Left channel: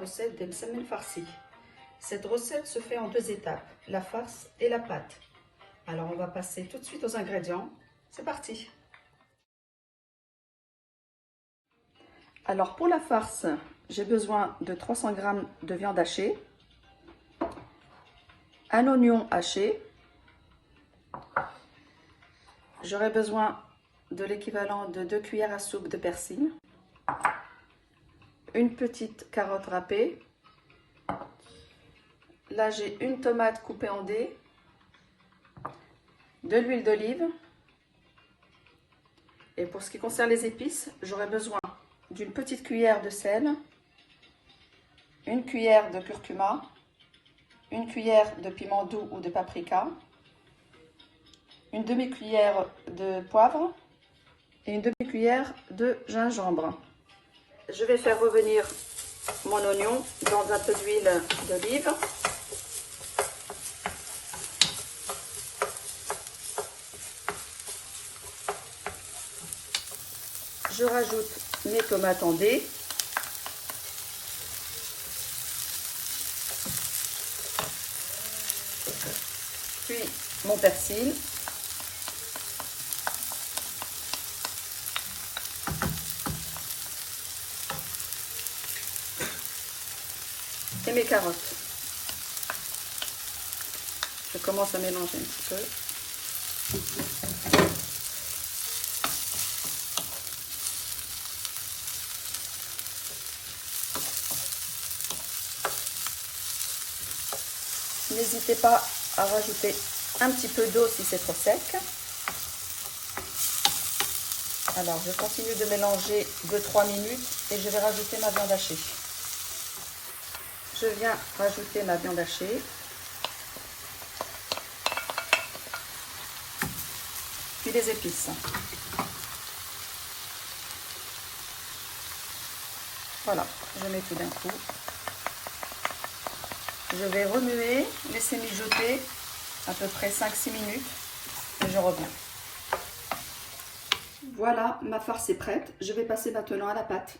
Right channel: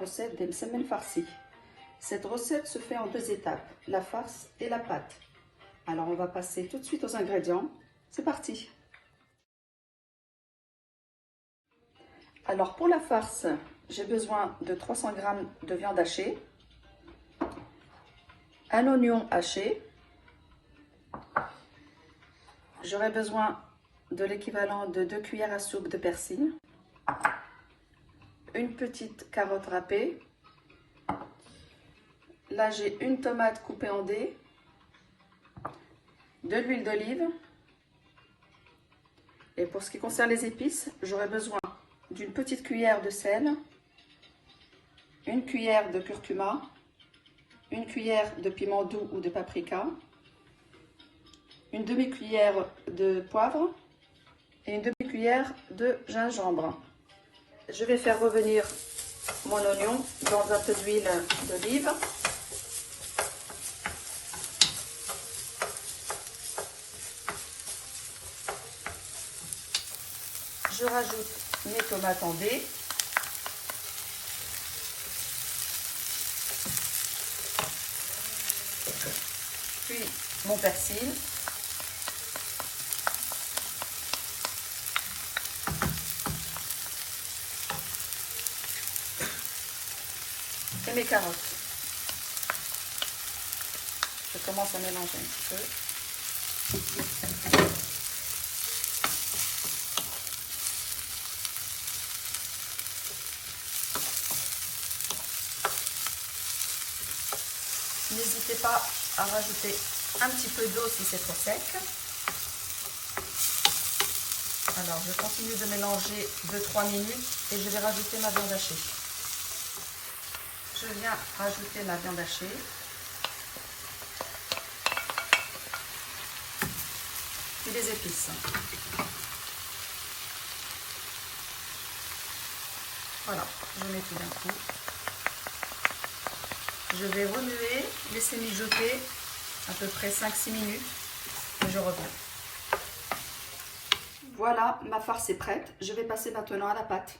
recette des msemen farcis. Cette recette se fait en 2 étapes, la farce et la pâte. Alors on va passer tout de suite aux ingrédients. C'est parti! Alors pour la farce, j'ai besoin de 300 g de viande hachée, un oignon haché, j'aurai besoin de l'équivalent de 2 cuillères à soupe de persil, une petite carotte râpée, là j'ai une tomate coupée en dés, de l'huile d'olive, et pour ce qui concerne les épices, j'aurai besoin d'une petite cuillère de sel, une cuillère de curcuma, une cuillère de piment doux ou de paprika, une demi-cuillère de poivre et une demi-cuillère de gingembre. Je vais faire revenir mon oignon dans un peu d'huile d'olive. Je rajoute mes tomates en dés. Puis mon persil. Et mes carottes. Je commence à mélanger un petit peu. N'hésitez pas à rajouter un petit peu d'eau si c'est trop sec. Alors je continue de mélanger 2-3 minutes et je vais rajouter ma viande hachée. Je viens rajouter ma viande hachée. Puis les épices. Voilà, je mets tout d'un coup. Je vais remuer, laisser mijoter à peu près 5-6 minutes et je reviens. Voilà, ma farce est prête. Je vais passer maintenant à la pâte.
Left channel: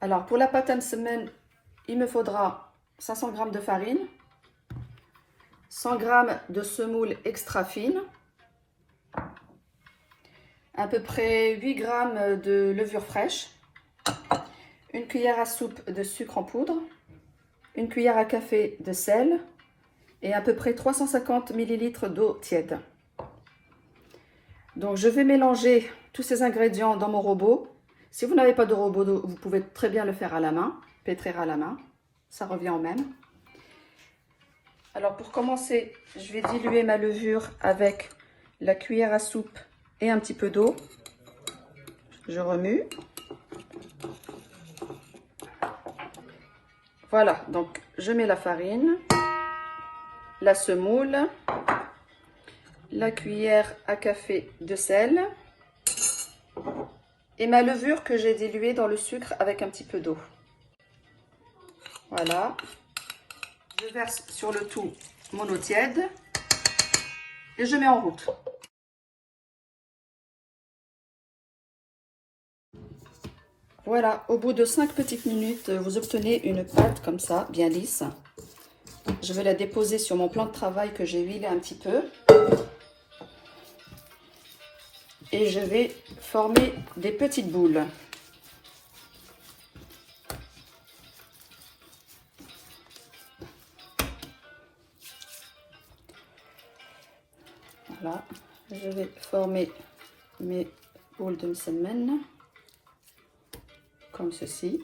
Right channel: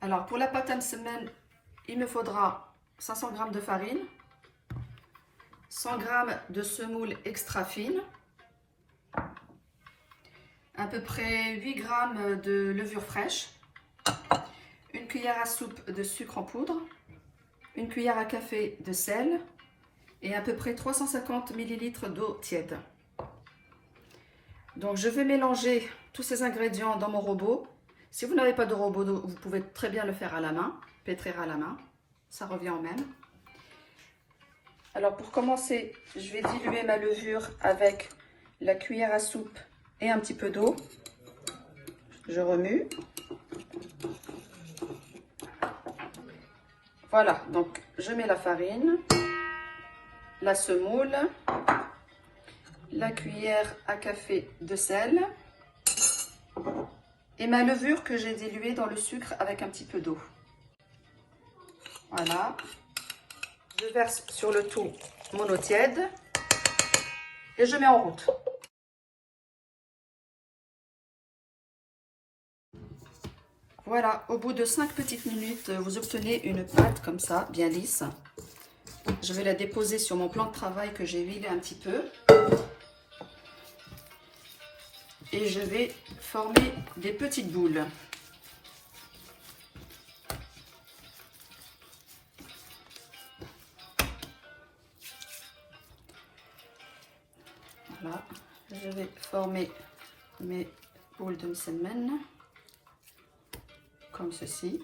Alors pour la pâte à msemen, il me faudra 500 g de farine, 100 g de semoule extra fine, à peu près 8 g de levure fraîche, une cuillère à soupe de sucre en poudre, une cuillère à café de sel et à peu près 350 ml d'eau tiède. Donc je vais mélanger tous ces ingrédients dans mon robot. Si vous n'avez pas de robot, vous pouvez très bien le faire à la main, pétrir à la main, ça revient au même. Alors pour commencer, je vais diluer ma levure avec la cuillère à soupe et un petit peu d'eau. Je remue. Voilà, donc je mets la farine, la semoule, la cuillère à café de sel et ma levure que j'ai diluée dans le sucre avec un petit peu d'eau. Voilà. Je verse sur le tout mon eau tiède et je mets en route. Voilà, au bout de 5 petites minutes, vous obtenez une pâte comme ça, bien lisse. Je vais la déposer sur mon plan de travail que j'ai huilé un petit peu. Et je vais former des petites boules. Voilà, je vais former mes boules de msemen comme ceci.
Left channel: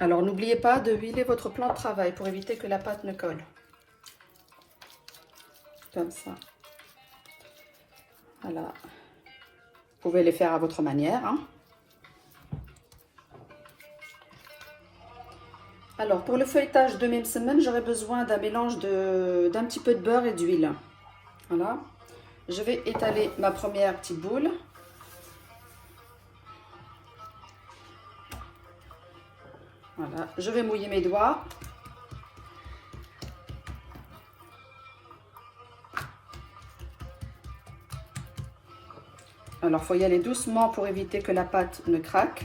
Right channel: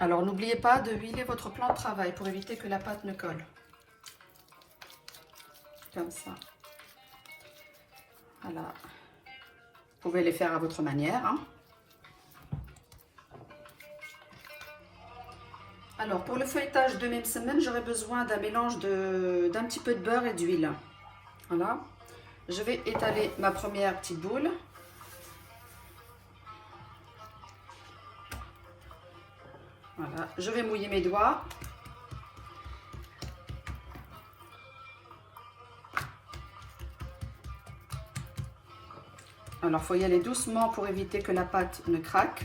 Alors n'oubliez pas de huiler votre plan de travail pour éviter que la pâte ne colle. Comme ça. Voilà. Vous pouvez les faire à votre manière, hein. Alors pour le feuilletage de mes msemen, j'aurai besoin d'un mélange d'un petit peu de beurre et d'huile. Voilà. Je vais étaler ma première petite boule. Voilà. Je vais mouiller mes doigts. Alors, il faut y aller doucement pour éviter que la pâte ne craque.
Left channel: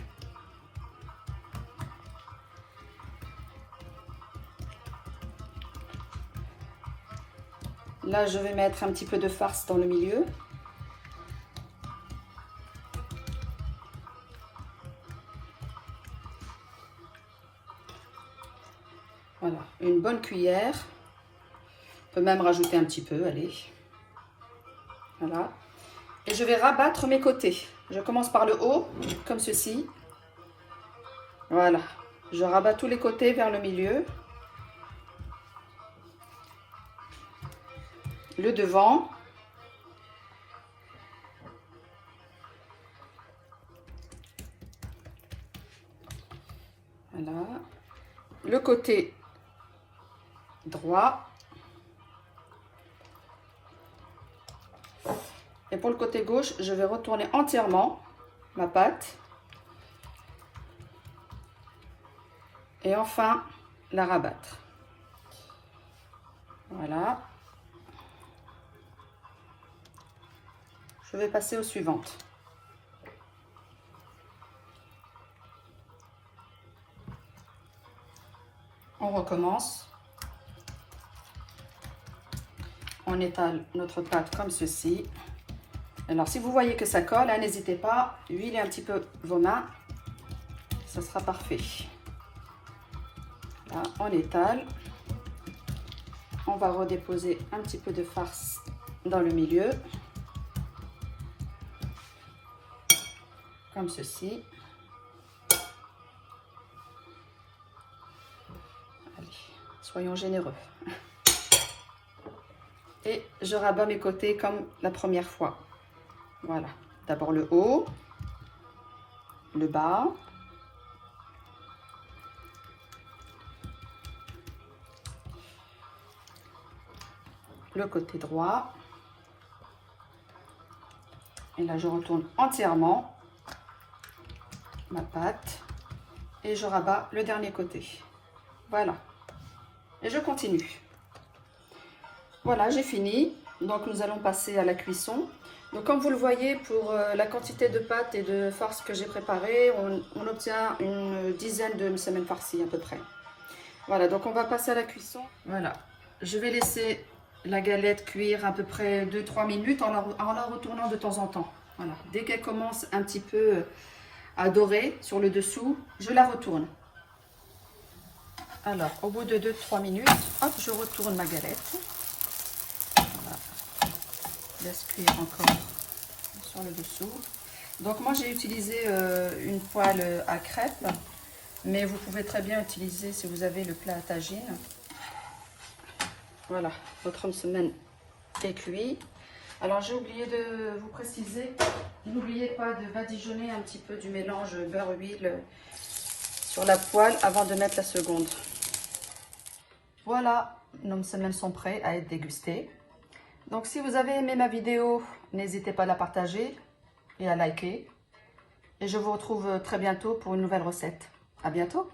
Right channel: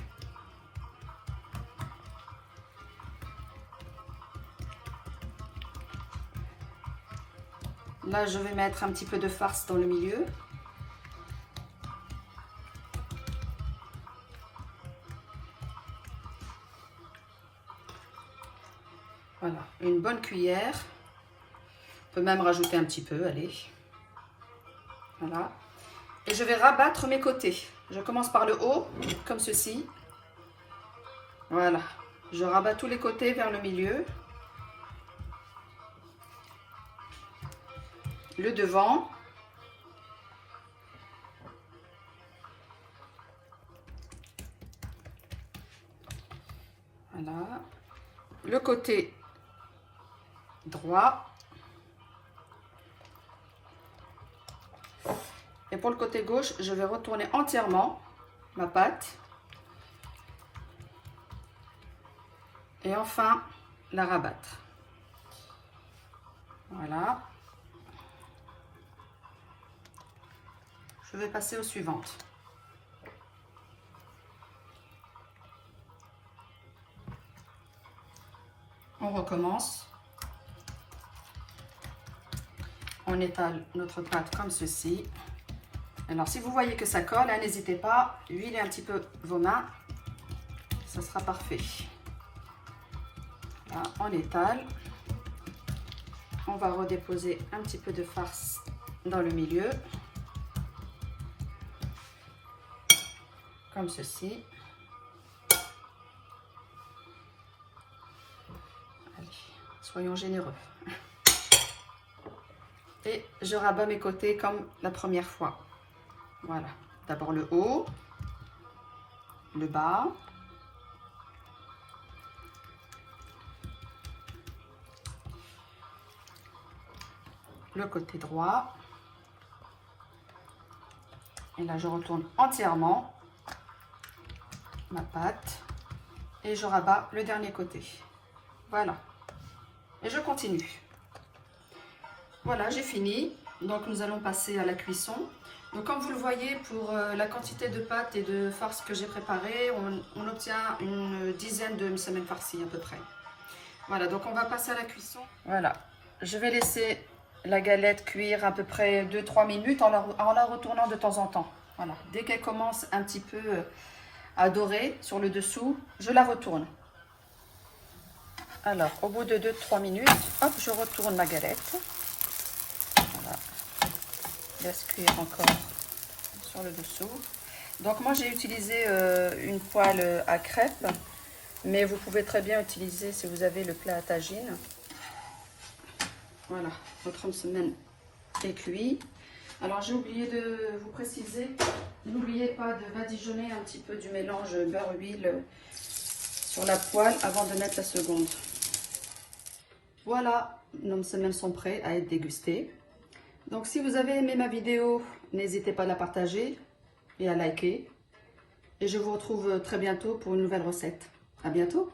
Là, je vais mettre un petit peu de farce dans le milieu. Voilà, une bonne cuillère. On peut même rajouter un petit peu, allez. Voilà. Et je vais rabattre mes côtés. Je commence par le haut, comme ceci. Voilà. Je rabats tous les côtés vers le milieu. Le devant. Voilà. Le côté droit. Et pour le côté gauche, je vais retourner entièrement ma pâte. Et enfin, la rabattre. Voilà. Je vais passer aux suivantes. On recommence. On étale notre pâte comme ceci. Alors, si vous voyez que ça colle, hein, n'hésitez pas, huilez un petit peu vos mains. Ça sera parfait. Là, on étale. On va redéposer un petit peu de farce dans le milieu. Comme ceci. Allez, soyons généreux. Et je rabats mes côtés comme la première fois. Voilà. D'abord le haut, le bas. Le côté droit. Et là, je retourne entièrement ma pâte et je rabats le dernier côté. Voilà. Et je continue. Voilà, j'ai fini. Donc, nous allons passer à la cuisson. Donc, comme vous le voyez, pour la quantité de pâte et de farce que j'ai préparée, on obtient une dizaine de semaines farcies à peu près. Voilà, donc on va passer à la cuisson. Voilà, je vais laisser la galette cuire à peu près 2-3 minutes en la retournant de temps en temps. Voilà, dès qu'elle commence un petit peu à dorer sur le dessous, je la retourne. Alors, au bout de 2-3 minutes, hop, je retourne ma galette. Voilà. Laisse cuire encore sur le dessous. Donc moi j'ai utilisé une poêle à crêpes, mais vous pouvez très bien utiliser si vous avez le plat à tagine. Voilà, votre semaine est cuit. Alors j'ai oublié de vous préciser, n'oubliez pas de badigeonner un petit peu du mélange beurre-huile sur la poêle avant de mettre la seconde. Voilà, nos semaines sont prêts à être dégustées. Donc si vous avez aimé ma vidéo, n'hésitez pas à la partager et à liker. Et je vous retrouve très bientôt pour une nouvelle recette. À bientôt!